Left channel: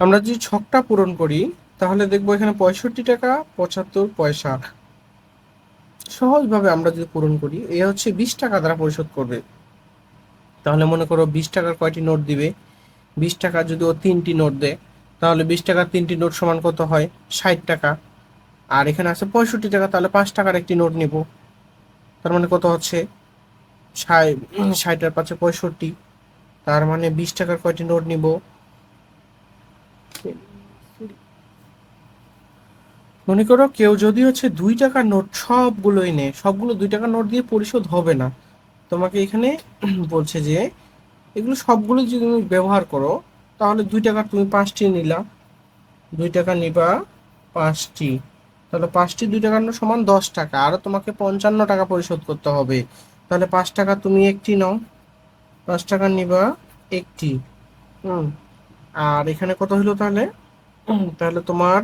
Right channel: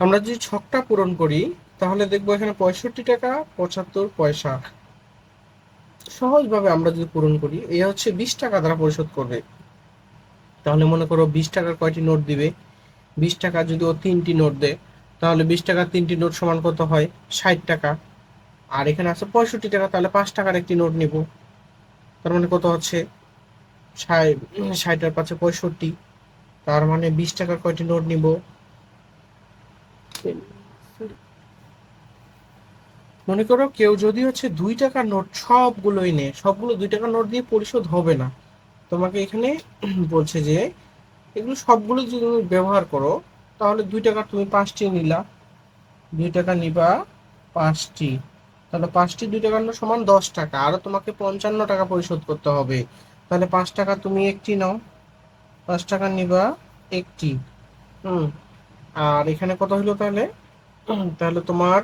আমরা যদি ছকটা পূরণ করি তাহলে দেখবো এখানে 65 টাকা 75 পয়সা। সহজভাবে আমরা যদি পূরণ করি, এ হচ্ছে 20 টাকা দ্বারা পরিশোধ করবে। তাহলে মনে করো 20 টাকার কয়টি নোট দিবে? 20 টাকা যদি ও 3টি নোট দেয়, তাহলে 20 টাকার 3টি নোট সমান কত হয়? 60 টাকা। আর এখানে আছে 65 টাকা, তাহলে 5 টাকার একটি নোট নিব। তার মানে কত হচ্ছে? 60, 60 আর 5 65। তার মানে 20 টাকার কয়টি নোট নিব? মনে করো কেউ যদি হচ্ছে 2 টাকার নোট সবগুলোই নেয়, সবগুলো 2 টাকার নোট দিয়ে পরিশোধ হবে না। তোমাকে এখানে বলছে যে এগুলো সবগুলো যদি তুমি ব্যবহার করো, তাহলে 2 টাকার তুমি 5টি নিলা, 2 টাকা নিবা 5টি, তাহলে 5টি 2 টাকার নোট সমান 10 টাকা, আরো তোমাকে 55 টাকা পরিশোধ করতে হবে। তাহলে 5 টাকা তুমি একটি নাও, 5 টাকা নিবা একটি। হুম। আর এখানে কত হলো তাহলে? তাহলে তোমার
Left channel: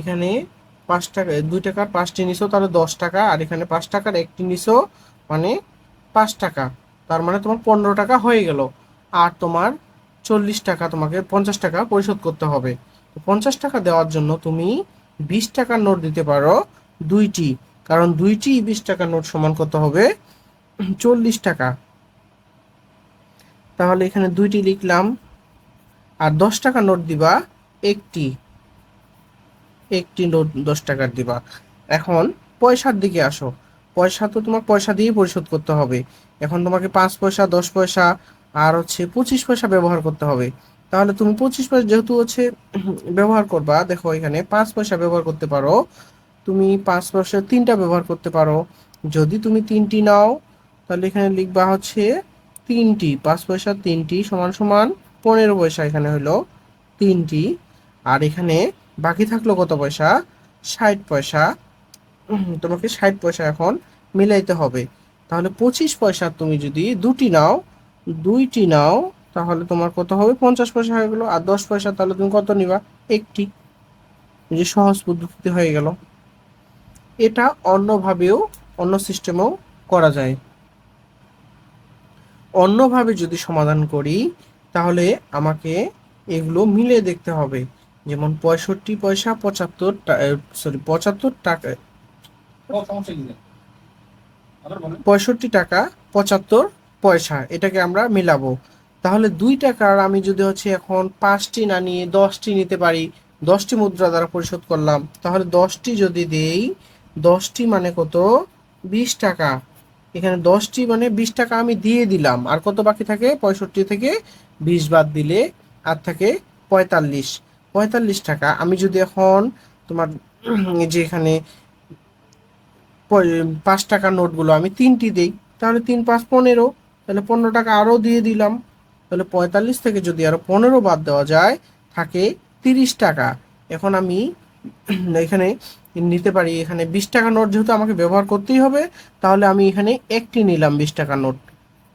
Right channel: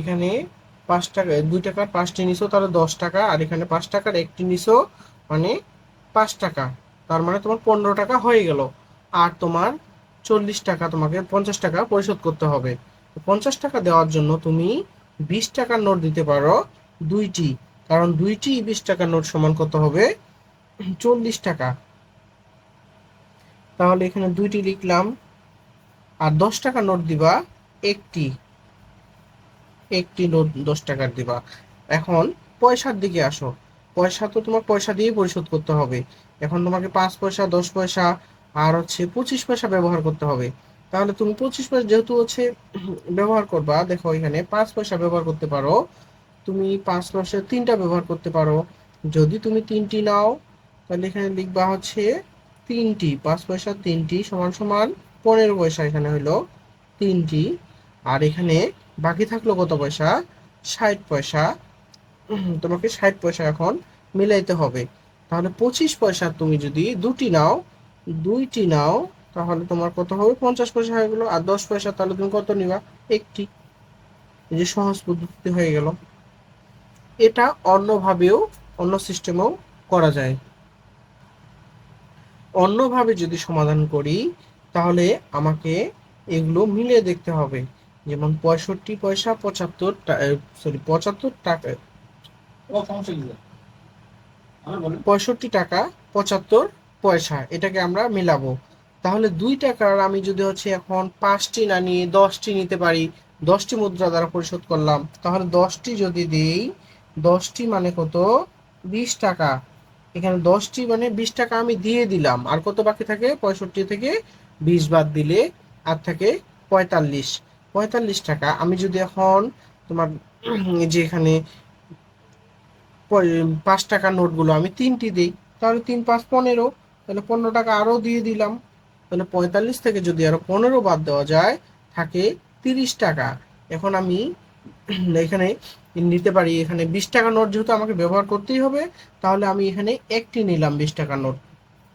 এখানে 5 টাকা, 2 টাকার 5টি নিছো, তাহলে 10 টাকা, আর এখানে 5 টাকার একটি নিছো, মানে 5 টাকা। তার মানে তোমার 15 টাকা হয়ে গেল। আর তোমার 40 টাকা, তোমাকে 50 টাকা পরিশোধ করতে হবে। 50 টাকা দেওয়ার জন্য তুমি 20 টাকার নোট দিতে পারো দুইটি, কারণ দুইটি 20 টাকার নোট সমান কত হবে? 40 টাকা। তাহলে এখানে দুইটি লিখলাম। আর 10 টাকার নোট দিবা একটি, একটি নোট 10 টাকার দিবা। এখন পয়সার দিকে আসো। পয়সা তো তোমার পয়সা দিয়েই পরিশোধ করতে হবে। এখন তোমাকে 5 পয়সা, 10 পয়সা আর হচ্ছে 25 পয়সা ব্যবহার করতে হবে। তাহলে তুমি 25 পয়সা যেহেতু হচ্ছে ব্যবহার করবা, দেখো এখানে 5 পয়সা ব্যবহার করতে পারো। তুমি 5 পয়সা তিনটা ব্যবহার করতে পারো। যদি তুমি তিনটি নাও, তাহলে এখানে লিখবা হচ্ছে তিনটি, 5 পয়সা তিনটি সমান সমান 15 পয়সা, এখানে হলো তিনটি। আর এখানে বাকি থাকলো কত পয়সা? 60 পয়সা। তোমাকে 60 পয়সা এখন মিলাইতে হবে। তাহলে 25 পয়সা তুমি যদি দুইটি নাও, তাহলে তোমার কত হবে? 50 পয়সা হয়ে গেলো। আর 10 পয়সা তাহলে তুমি কত নিবা? একটি। এই যে সহজ পদ্ধতিতে হয়ে গেল। এটা অন্যভাবেও, অন্য সিস্টেমেও করা যায়। অন্যভাবে যদি সমাধান করি, তাহলে আমাকে এগুলো মিলে দেখতে হবে। যেমন 65 পয়সা 75 টাকা, 65 টাকা 75 পয়সা, এটাকে আমরা মিলাবো। তাহলে 2 টাকার আমি যদি হচ্ছে এখন 5টি না নিয়ে 10টি নিতে পারি, 10টি মুদ্রা দ্বারা পরিশোধ করলাম, তাহলে 10টি যদি দেই, 10টি মানে কত? 20 টাকা। এখানে 10টি মানে 20 টাকা আমি দিয়ে দিলাম, আর কত বাকি থাকে? 65 থেকে 20 বাদ দিলে আর থাকে 45। 45 টাকা আমি যদি এখন তোমার যে এখানে 5 টাকার নোটগুলো আমি তিনটি দিই, তাহলে 3 5 15, তাহলে 15 টাকা আরও দিয়ে দিলাম। তাহলে 45 থেকে যদি আরো 15 বাদ দেওয়া যায়, থাকে 30 টাকা। এখন আমি এখানে নিতে পারি, এখানে 20 টাকা নোট যেহেতু আমাকে ব্যবহার করতেই হবে, তাহলে আমি এখানে একটি নিলাম 20 টাকার নোট,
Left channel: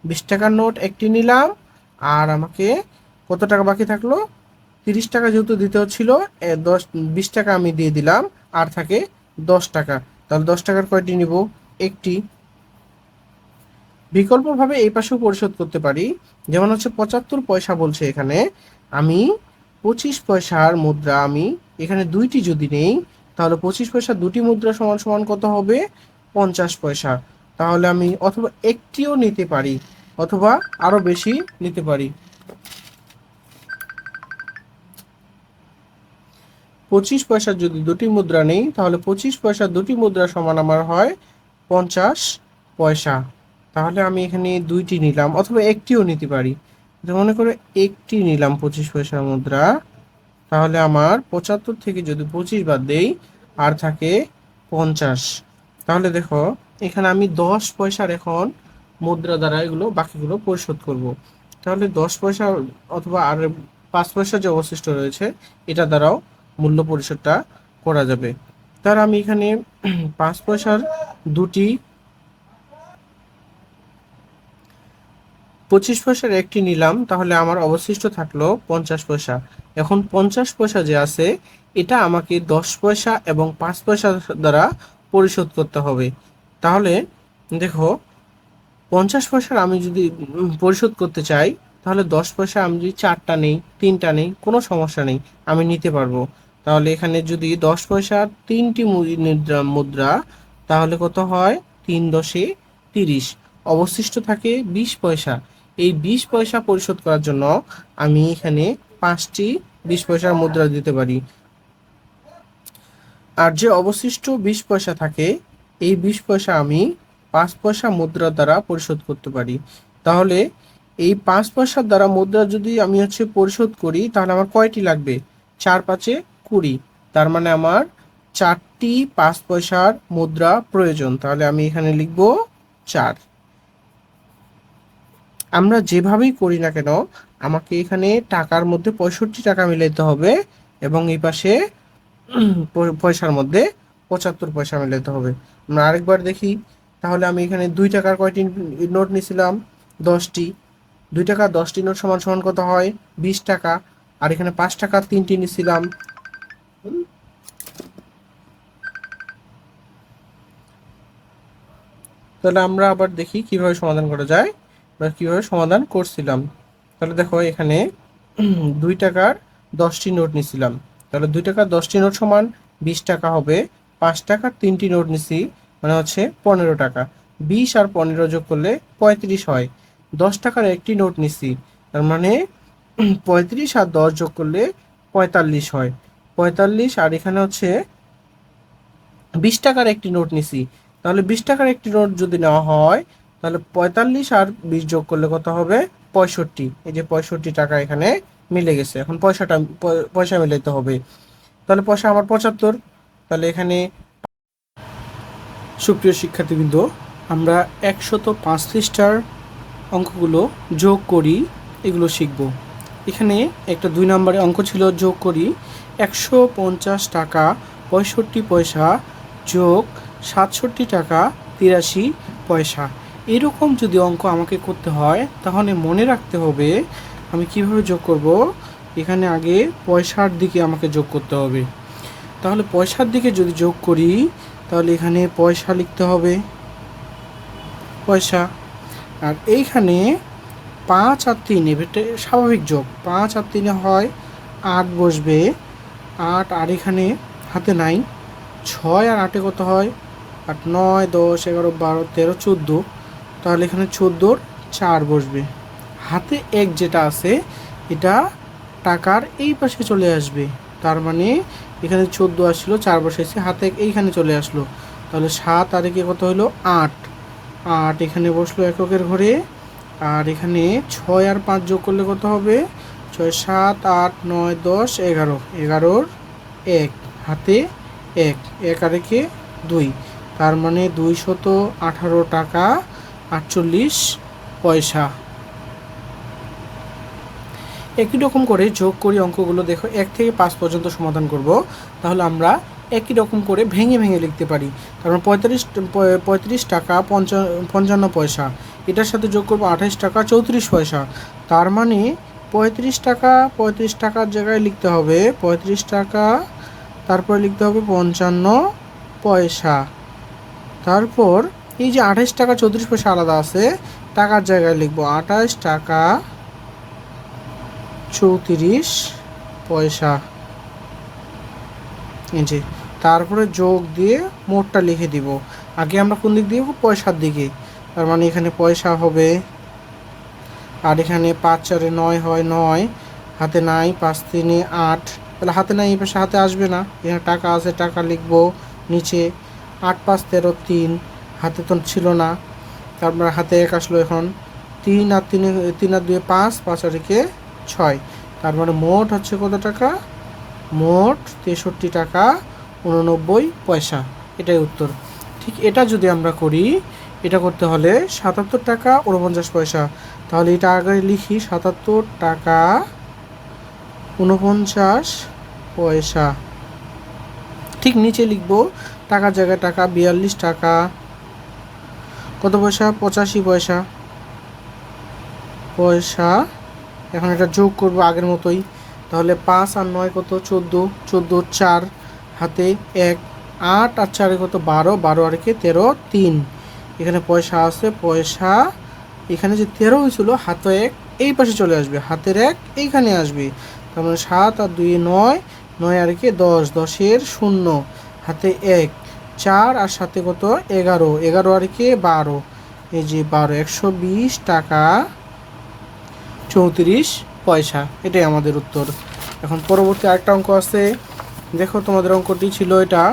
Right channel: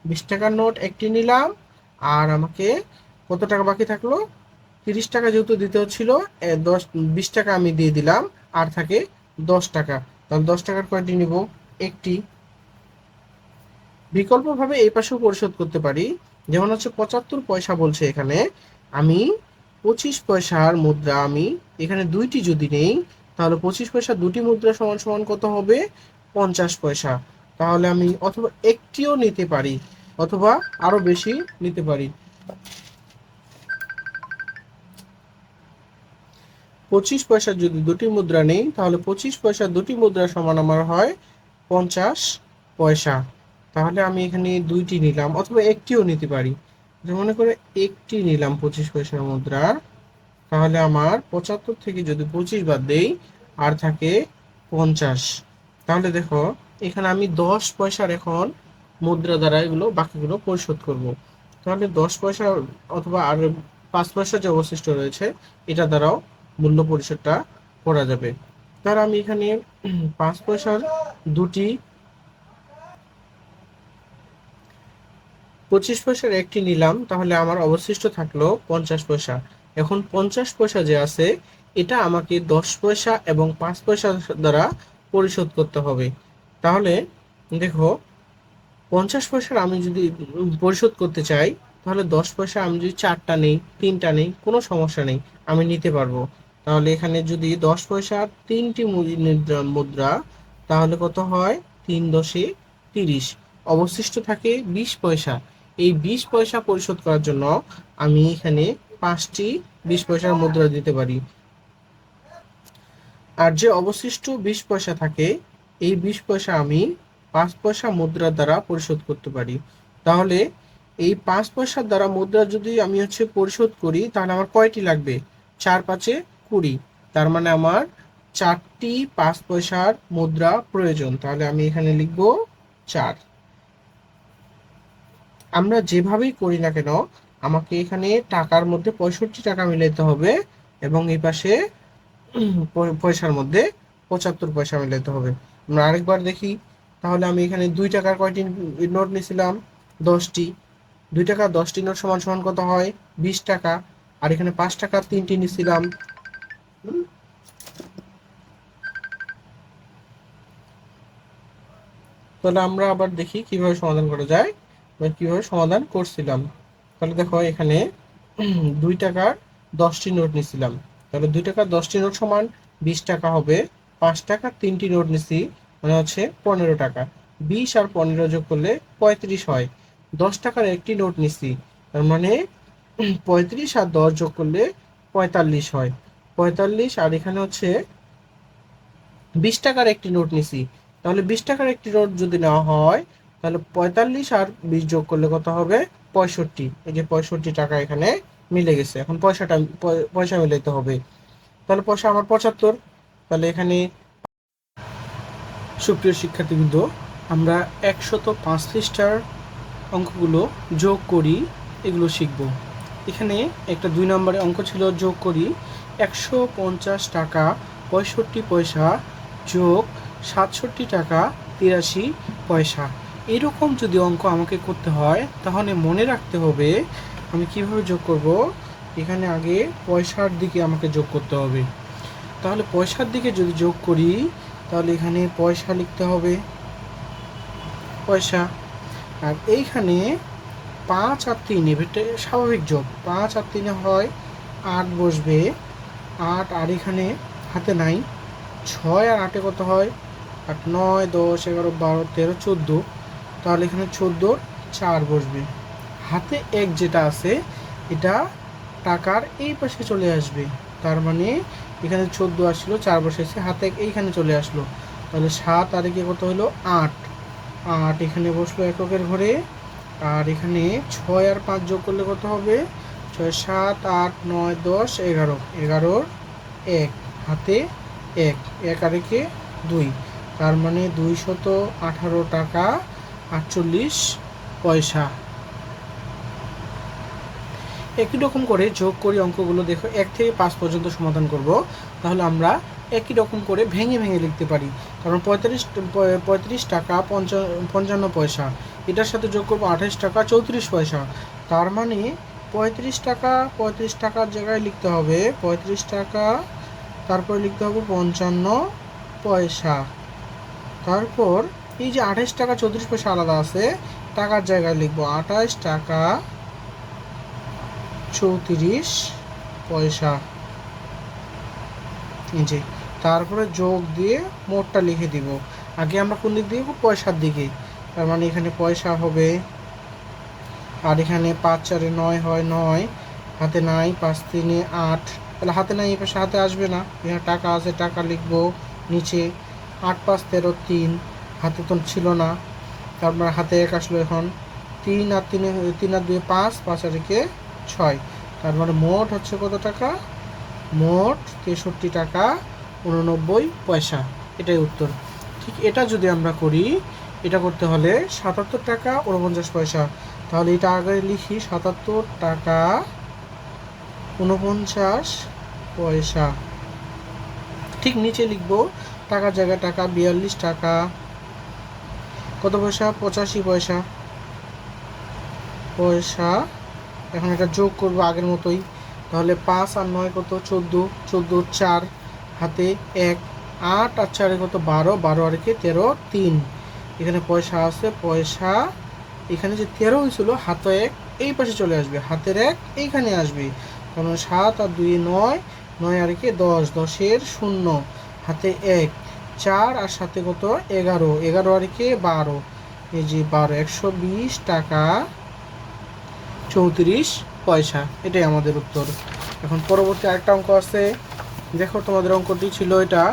20 টাকার নোট একটি নিলাম। আর আমাকে কত টাকা বাকি থাকলো? 30 টাকা যেহেতু দিতে হচ্ছিল, 20 টাকা আমি দিয়ে দিলাম, আর থাকে 10 টাকা। তাহলে 10 টাকার কয়টি নিব? একটি। বিকল্পভাবে এই পাশেও পরিশোধ করতে পারি। যেমন হচ্ছে 75 পয়সা বলছে এখানে, আমি 25 পয়সার মুদ্রা আমি এখানে দুইটি যদি নেই, তাহলে 25 পয়সা দুটি মুদ্রা সমান সমান কত হবে? 50 পয়সা। তাহলে আমি অথবা একটিও নিতে পারি, অথবা আরো বেশি নিতে পারি। 25 পয়সা যদি দুটি মুদ্রা নেই, তাহলে 25 পয়সা দুটি মুদ্রা সমান আমার হয় 50 পয়সা। তাহলে আমি এখানে দুইটি নিলাম, অথবা একটিও নিতে পারি। যে মনে করে একটি নিলাম 25 পয়সার মুদ্রা, তাহলে আমার 75 থেকে যদি 25 বাদ দেই, আর থাকে 50। তাহলে দেখো এখানে আমি 10 পয়সার এখন মুদ্রা দ্বারা এগুলো বাকিগুলো পরিশোধ করব। তাহলে 10 পয়সা অথবা আর 5 পয়সা যে অবশিষ্ট রয়েছে, এটা দ্বারাও মূল্য পরিশোধটা করা যাবে। তার আমি এখানে 5 পয়সার দুটি, 25 পয়সার একটি নিলাম, তাহলে আমার অবশিষ্ট থাকলো 50 পয়সা। এখন 50 পয়সা যে আছে, এটা আমাকে 10 পয়সা এবং 5 পয়সা দ্বারা পরিশোধ করতে হবে। তাহলে দেখো 50 পয়সার আমি যদি পরিশোধ করতে চাই, তাহলে 10 পয়সা আমি যদি 4টা নেই, 3টা নেই, কোনো সমস্যা নেই, আমি নিতে পারবো। তাহলে এখানে যদি 10 পয়সার 3টি মুদ্রা, তাহলে কত হয়? 3×10=30। অবশিষ্ট থাকে 20 পয়সা। এই 20 পয়সা পরিশোধ করার জন্য আমি এখানে 5টি 20 পয়সার মুদ্রা দিতে পারি। আর যে অবশিষ্ট 20 পয়সা থাকে, এই 20 পয়সা আমি 5 পয়সা মুদ্রার দ্বারা পরিশোধ করতে পারি। তাহলে এই 5 পয়সার দ্বারা মুদ্রা যদি আমি পরিশোধ করি, তাহলে আমার কয়টি লাগবে? 4×5=20। তার মানে আমার 4টি 5 পয়সার মুদ্রা প্রয়োজন। তাহলে আমি এখানে লিখব 4। আমরা যেভাবেই করি না কেন, আমাকে এখানে টাকার মধ্যে 65 টাকা মিলাইতে হবে, এবং এই পাশে পয়সার মধ্যে 75 পয়সা মিলাতে হবে। আমরা আরেকবার দেখি। তাহলে আমি এখানে 2 টাকার কয়টি নোট নিয়েছিলাম? 10টি। 2 টাকা 10টি নোট সমান সমান কত হয়? 20 টাকা। আর এখানে 5 টাকার 3টি নিয়েছিলাম। তাহলে আমরা আবার দেখি কিভাবে সমাধান করা যায়, বা কিভাবে সমাধান করছিলাম। তাহলে দেখো এখানে 2 টাকার 10টি নোট নিয়েছিলাম। তাহলে 2 টাকার 10টি নোট সমান 20 টাকা হবে। 5 টাকার 3টি নোট নিছি, মানে 15 টাকা। 20 আর 15 যোগ করলে 35 হয়। 10 টাকার একটি নোট নিছি, তার মানে 35 আর 10 যোগ করলে 45 হয়। 45 আর এখানে 20 টাকার একটি নোট নিছি, তাহলে 20 টাকার একটি নোট যদি নেওয়া হয়, তাহলে 45 আর 20 যোগ করলে কত হবে? 65। এই যে 65 টাকা এখানে মিলে গেছে। এখন পয়সা মিলাইতে হবে। তাহলে পয়সা আমার 75। তাহলে এখানে, সুপ্রিয় শিক্ষার্থীবৃন্দ, আমরা 105 পৃষ্ঠার অঙ্কগুলো যোগ করি, এগুলো শিখব। এখানে একটা 2 নম্বরের অঙ্ক ছিল, যোগ করি 150 টাকা 65 পয়সা যোগ 67 টাকা 83 পয়সা। এরকম যদি অঙ্ক আমাকে করতে হয়, তাহলে মনে রাখতে হবে আমি কিভাবে যোগ করব। এখানে আগে পয়সার দিকে আমাকে যোগ করতে হবে। তাহলে পয়সার দিকে যদি যোগ করি, তাহলে এখানে পয়সা লিখতে হবে, পয়সা। আর এইখানে 5 আর 3, এটা স্বাভাবিক যোগ। 5 আর 3 হয় 8 বসবে, 8। আর এখানে হাতে নাই, 6 আর 8 কত হয়? 8, 9, 10, 11, 12, 13, 14। তাহলে এখানে 14-র 4 বসবে। হাতে 1 যেটা আছে, এটা টাকার এই পাশে চলে আসবে। তার মানে এখানে 14 আসছিল, 4 বসেছে, হাতে এইখানে চলে আসলো। তাহলে 7 আর একে কত হলো? 8। 8 এখানে বসলো এককের ঘরে। আর এখানে 6 আর 5 যোগ করলে কত হবে? 6, 7, 8, 9, 10, 11। 11-র 1, হাতে 1, 1 আর একে 2। তার মানে 218 টাকা 48 পয়সা। একই রকম করে যোগ করি অঙ্কগুলো। দেখো 1 থেকে 5 পর্যন্ত সমাধান করব। তাহলে আমরা একই রকম করে ভেঙে ভেঙে লিখতে পারি। কারণ 35 টাকা 55 পয়সা, এটার সাথে যোগ করব 28 টাকা 34 পয়সা। তার মানে 35 টাকার জায়গায় লিখতে হবে 35 টাকা, তারপর লিখতে হবে 55 পয়সা। তারপর এই যে 28 টাকা 34 পয়সা আলাদা আছে, টাকার জায়গায় লিখব 28 টাকা 34 পয়সা। এই যে, তারপরে যোগ দিয়ে মোটটা লিখে দিব। আগে আমরা কোন দিক দিয়ে? পয়সার দিকে। তার মানে এখানে পয়সা হবে। আর এখানে 5 4 9 হয় 9, হাতে নাই, 5 3 8। তাহলে হাতে নাই, এই পাশে হাতে আসবে না, এখানে টাকা আছে, টাকা লিখব নিচে। 8 5 13 3, হাতে তো ছিল না, তারপরে হাতে 1 আসলো। এখন 3 আর 2 5, 5 আর 1 6। তার মানে মোট কত টাকা? মোট 63 টাকা 89 পয়সা। এটাই উত্তর। ঠিক এটা যদি আমরা করি, এটা করতে হলে 77 টাকা 49 পয়সা। তাহলে এটা আগে লিখি, 77 টাকা 49 পয়সা। ঠিক নিচে লিখব টাকার জায়গায় টাকা, 42 টাকা কত পয়সা? 85 পয়সা পয়সা। এখন এটা যোগ করব আগের মতোই। তাহলে 5 আর 9 কত? 14, 14 4, হাতে 1, 8 আর 4 কত? 12, 12 আর 1 13 3। এখানে পয়সা আছে, পয়সা। এখানে যে 13 হয়েছিল, হাতে 1 এই পাশে চলে আসবে, হাতের 1 এইখানে আসবে, তার মানে 7 আর 2 9, 9 আর 1 10, 10-এর 0, হাতে 1, 4 আর সাথে কত 11, 11 আর 1 12, এই যে 12, 120 টাকা 34 পয়সা। এটাই আমাদের উত্তর। এখন পরবর্তী আরেকটা অঙ্ক আছে, দেখো তোমাদের অঙ্কটি ছিল এটা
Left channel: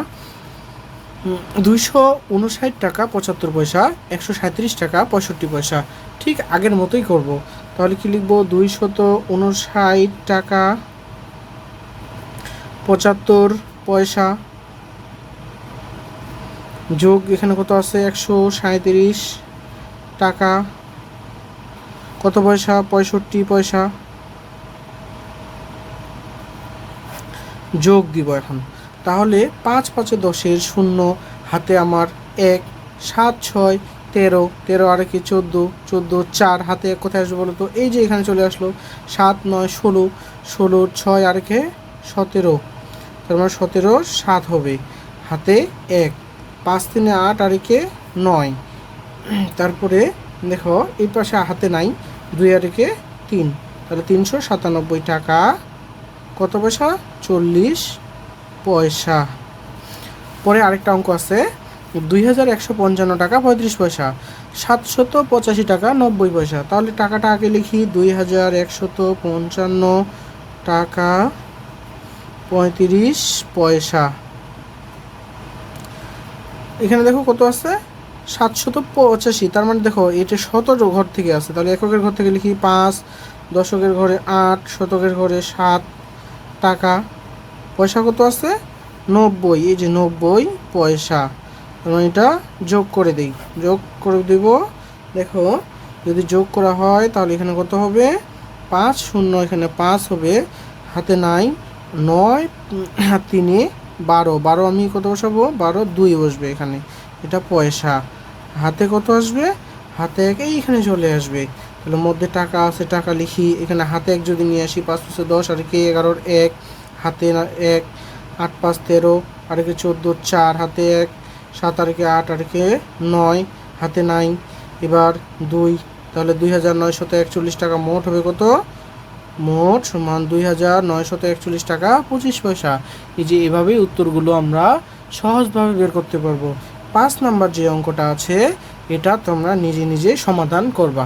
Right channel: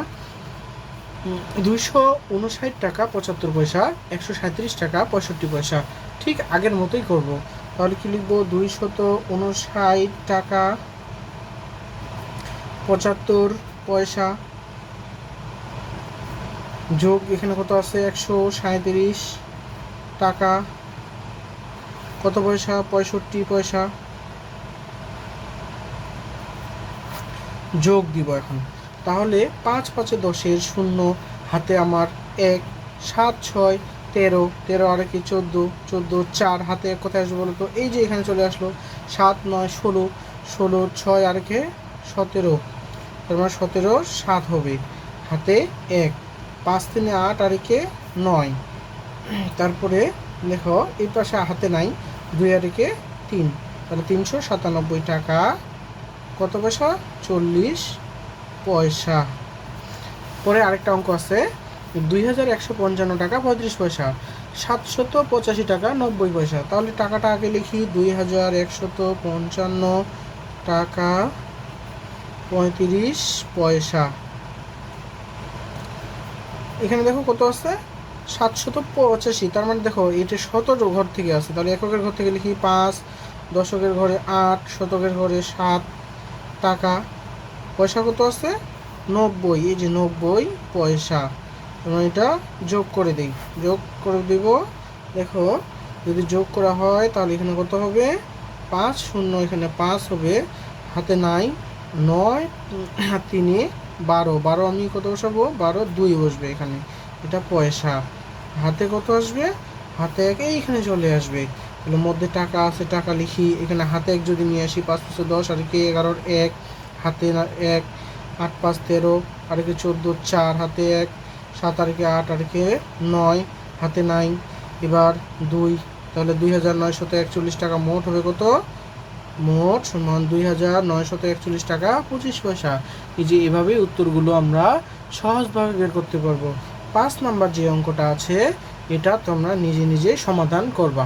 259 টাকা 75 পয়সা, 137 টাকা 65 পয়সা। ঠিক আগের মতোই করব। তাহলে কি লিখবো, 259 টাকা 75 পয়সা যোগ এখানে কত আছে 137 টাকা কত পয়সা 65 পয়সা যোগ দিব এখন। তাহলে 5 5 10-এর 0, হাতে আমার 1, 7 6 13, 13 আর 1 14, 14 4, হাতে কোথায় আসবে বলো তো, এই যে এখানে চলে আসলো, 7 9 16, 16 6 আর 1 17, তার মানে 17 7 হবে, হাতে 1, 5 3 8 আর 1 9, তারপরে দেখো এই পাশে হাতে নাই, 2 আর 1 3, তাহলে 397 টাকা কত পয়সা 40 পয়সা। পরে আরেকটা অঙ্ক আছে, 2155 টাকা 35 পয়সা, 785 টাকা 90 পয়সা। তাহলে টাকাটা আগে লিখি, 2155 টাকা 35 পয়সা। এখানে দেখো কত আছে 785, তার মানে দেখো এটা 17 ঘর থেকে আছে, তাহলে এককের ঘর থেকে লিখি 5, দশকের ঘরে 8, শতকের ঘরে 7 টাকা, পয়সা কত আছে 90, এই যে 90 পয়সা। মানে এটা যোগ করে দিই, যোগ করে দেব। দেখো যদি যোগ করা হয় তাহলে এখানে কত হবে 5 0, এখানে 5 হবে, হাতে নাই 9 আর 3 12, 12 আমি কত বসাবো 12 2 বসবে এখানে, এটা পয়সা। হাতে কত আসবে, হাতে 1 এইখানে চলে আসবে, তাহলে মধ্যে টাকা আছে, টাকা লিখি, এখানে হাতে 1 যদি নিয়ে আসি 5 5 10 আর 11 1, হাতে 1, 8 5 13 আর 14 4, হাতে 1, 7 আর 8 আর 9, হাতে নাই, এবার 2, তাহলে 2941 টাকা মোট হবে কত, মোট সমান 2941 টাকা 25 পয়সা। এই যে এভাবেই উত্তরগুলো আমরা সহজভাবে বের করতে পারবো। 5 নাম্বার যে অঙ্কটা আছে এটা তোমরা নিজে নিজে সমাধান করবা।